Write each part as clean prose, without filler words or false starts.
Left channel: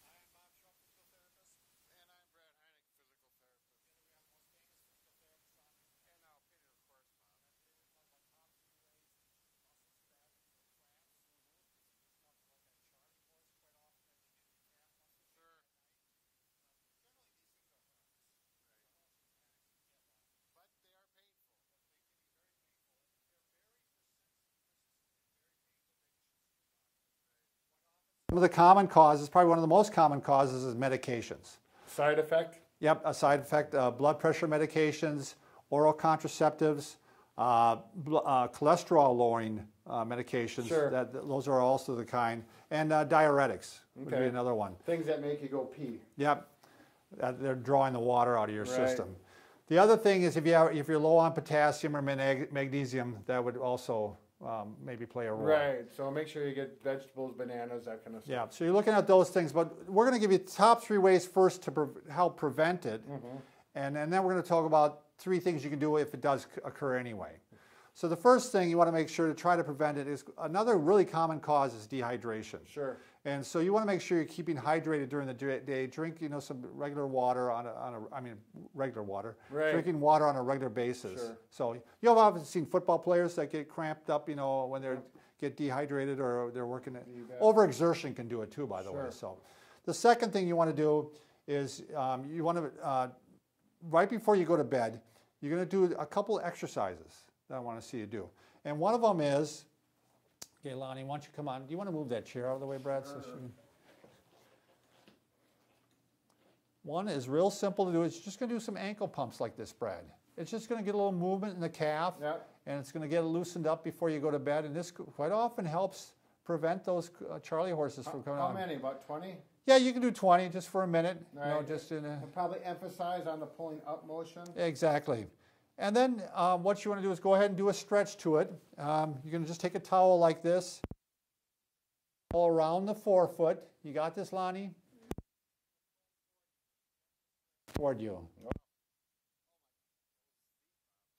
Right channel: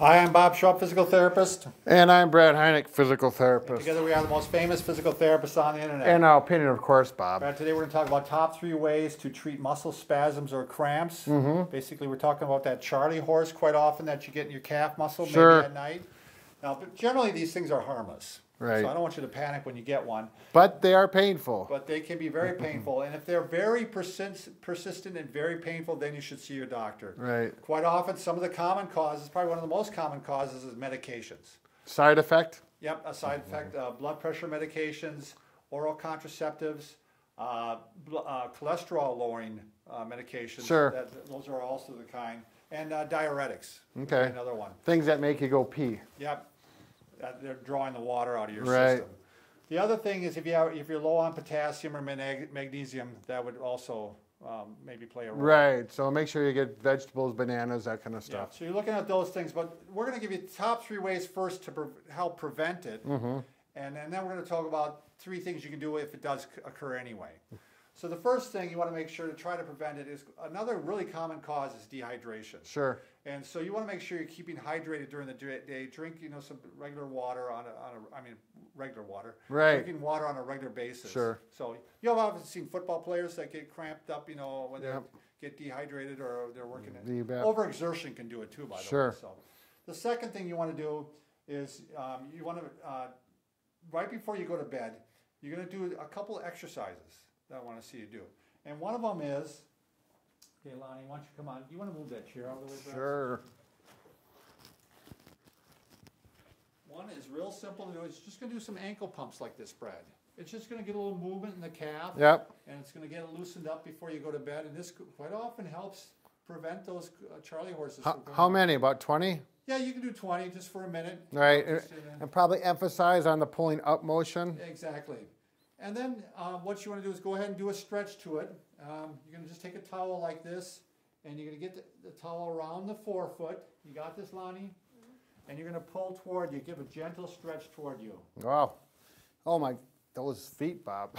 Hi, I'm Bob Schrupp, physical therapist. And I'm Brad Heineck, physical And therapist. together we are the most famous physical therapists on the internet. In our opinion, of course, Bob. Brad, today we're going to talk about top 3 ways to treat muscle spasms or cramps. Basically, we're talking about that Charley horse quite often that you get in your calf muscle, maybe at night. Now, but generally these things are harmless. Right. So I don't want you to panic when you get one. But they are painful. But they can be very painful. And if they're very persistent and very painful, then you should see your doctor. Right. Quite often, some of the common causes, probably one of the most common causes, is medications. Side effect? Yep, a side effect, blood pressure medications, oral contraceptives, cholesterol-lowering medications. Sure. Those are also the kind. And diuretics. Okay. Another one. Things that make you go pee. Yep. They're drawing the water out of your Right. system. The other thing is if you're low on potassium or magnesium, that would also maybe play a role. Right. So make sure you get vegetables, bananas, that kind of Yeah, stuff. so you're looking at those things, but we're going to give you top 3 ways first to help prevent it, and then we're going to talk about 3 things you can do if it does occur anyway. So the first thing you want to make sure to try to prevent it is another really common cause is dehydration. Sure. And so you want to make sure you're keeping hydrated during the day. Drink, some regular water regular water. Right. Drinking water on a regular basis. Sure. So you've obviously seen football players that get cramped up, when they get dehydrated or they're working. Overexertion can do it too, by the way. So the second thing you want to do is you want to right before you go to bed, you're going to do a couple of exercises that I want to see you do. And one of them is, okay, Lonnie, why don't you come on? Do you want to move that chair out of the way, Brad? Sure. One is real simple to do. It's just going to do some ankle pumps like this, Brad. It's just going to get a little movement in the calf. Yep. And it's going to get loosened up before you go to bed. And this quite often helps prevent those Charley horses from coming How out. many? About 20? Yeah, you can do 20 just for a minute. Right. And probably emphasize on the pulling up motion. Exactly. And then what you want to do is go ahead and do a stretch to it. You're going to just take a towel like this, and you're going to get the towel around the forefoot. You got this, Lonnie? And you're going to pull toward you, give a gentle stretch toward you. Wow. Oh, my, those feet, Bob.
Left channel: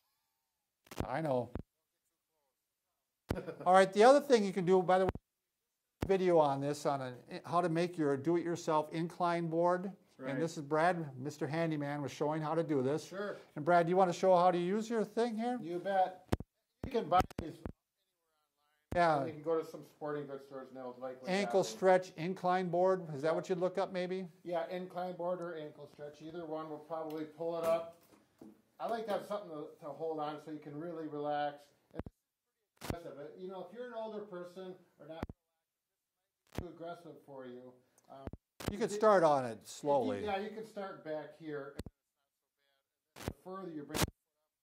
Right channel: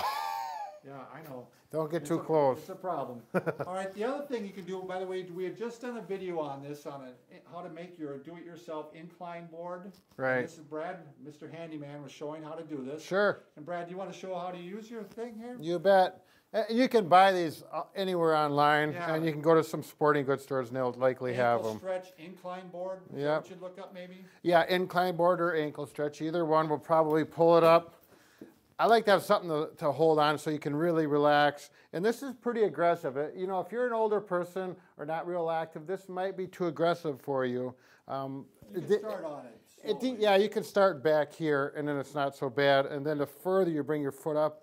Yeah, I know. Don't get too close. It's a problem. All right, the other thing you can do, by the way, we had just done a video on this, on how to make your do-it-yourself incline board. Right. And this is Brad, Mr. Handyman, was showing how to do this. Sure. And Brad, do you want to show how to use your thing here? You bet. You can buy these anywhere online, and you can go to some sporting goods stores, and they'll likely have them. Ankle stretch incline board. Is that what you'd look up, maybe? Yeah, incline board or ankle stretch. Either one will probably pull it up. I like to have something to hold on so you can really relax. And this is pretty aggressive. If you're an older person or not real active, this might be too aggressive for you. You can start on it slowly. Yeah, you can start back here, and then it's not so bad. And then the further you bring your foot up,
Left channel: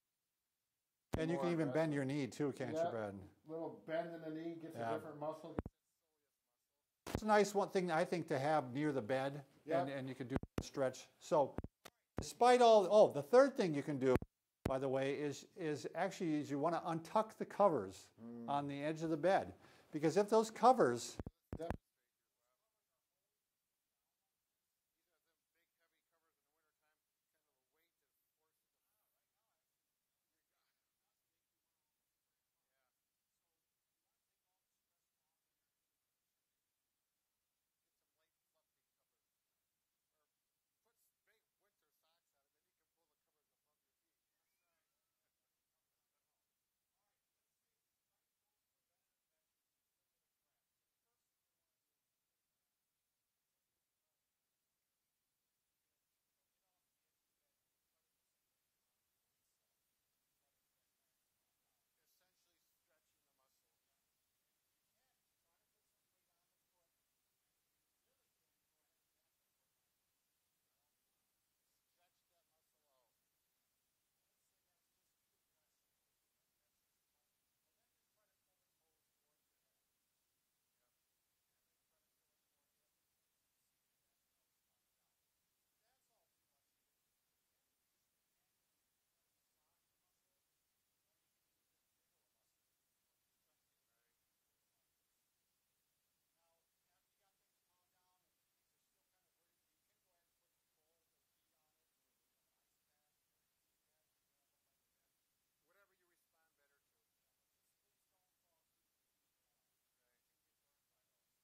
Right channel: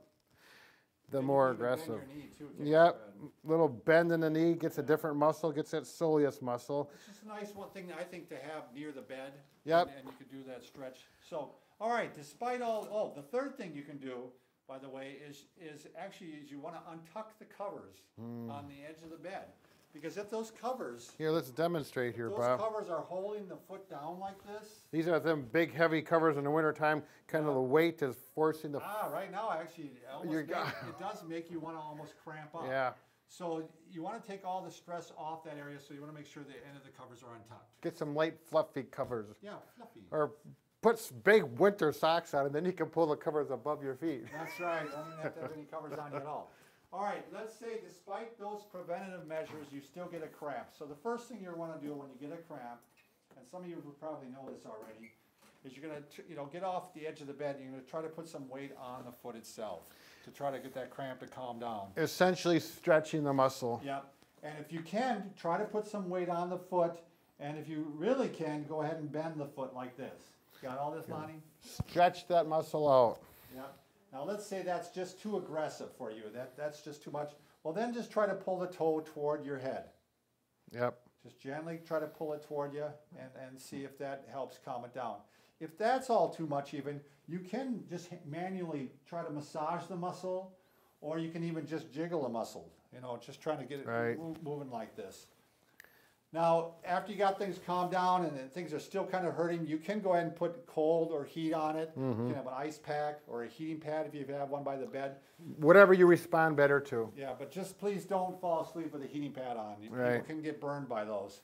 the more aggressive. And you can even bend your knee too, can't you, Yep, Brad? little bend in the knee, gets a different muscle, gets that soleus muscle. It's a nice one thing, I think, to have near the bed. Yep. And you can do that stretch. So, all right, despite all, the third thing you can do, by the way, is you want to untuck the covers on the edge of the bed. Because if those covers... Here, let's demonstrate here, those Bob. Those covers are holding the foot down like this. These are them big, heavy covers in the wintertime. Kind of the weight is forcing the... Right now, actually, it does make you want to almost cramp up. Yeah. So you want to take all the stress off that area, so you want to make sure the end of the covers are untucked. Get some light, fluffy covers. Yeah, fluffy. Or put big winter socks on, and then you can pull the covers above your feet. That's right. Don't even have to have any covers on you at all. All right, let's say despite those preventative measures, you still get a cramp. So the first thing you want to do when you get a cramp, and some of you probably know this already, is you're going to get off the edge of the bed, and you're going to try to put some weight on the foot itself to try to get that cramp to calm down. Essentially stretching the muscle. Yep. And if you can, try to put some weight on the foot, and if you really can, go ahead and bend the foot like this. Got all this, Lonnie? Stretch that muscle out. Yep. Now let's say that's just too aggressive for you. That's just too much. Well, then just try to pull the toe toward your head. Yep. Just gently try to pull it toward you and see if that helps calm it down. If that's all too much even, you can just manually try to massage the muscle, or you can even just jiggle the muscle, just trying to get it moving like this. Now, after you got things calmed down and things are still kind of hurting, you can go ahead and put cold or heat on it. You can have an ice pack or a heating pad if you have one by the bed. Whatever you respond better to. Yeah, but just please don't fall asleep with a heating pad on. People can get burned by those.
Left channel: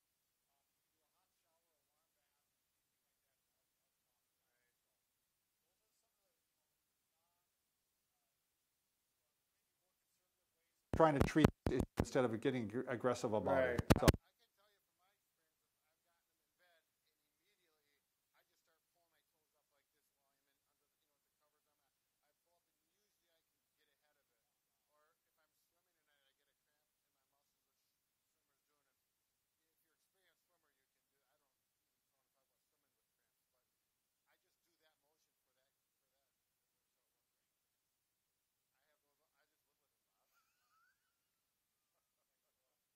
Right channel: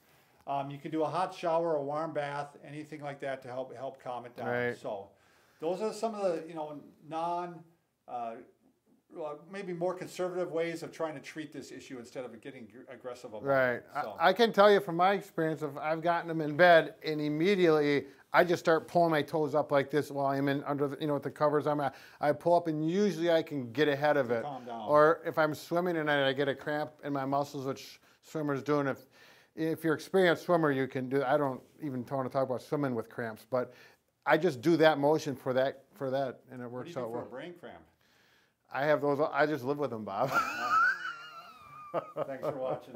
You can do a hot shower, a warm bath, anything like that to help calm it down. Right. So those are some of the maybe more conservative ways of trying to treat this issue instead of getting aggressive about Right. it. So. I can tell you from my experience, if I've gotten them in bed and immediately I just start pulling my toes up like this while I'm in under the, with the covers on. I pull up and usually I can get ahead of it. Calm down. Or if I'm swimming and I get a cramp in my muscles, which swimmers do, and if you're an experienced swimmer, you can do. I don't even want to talk about swimming with cramps, but I just do that motion for that, and it works out well. What do you do for a brain cramp? I have those. I just live with them, Bob. Thanks for watching.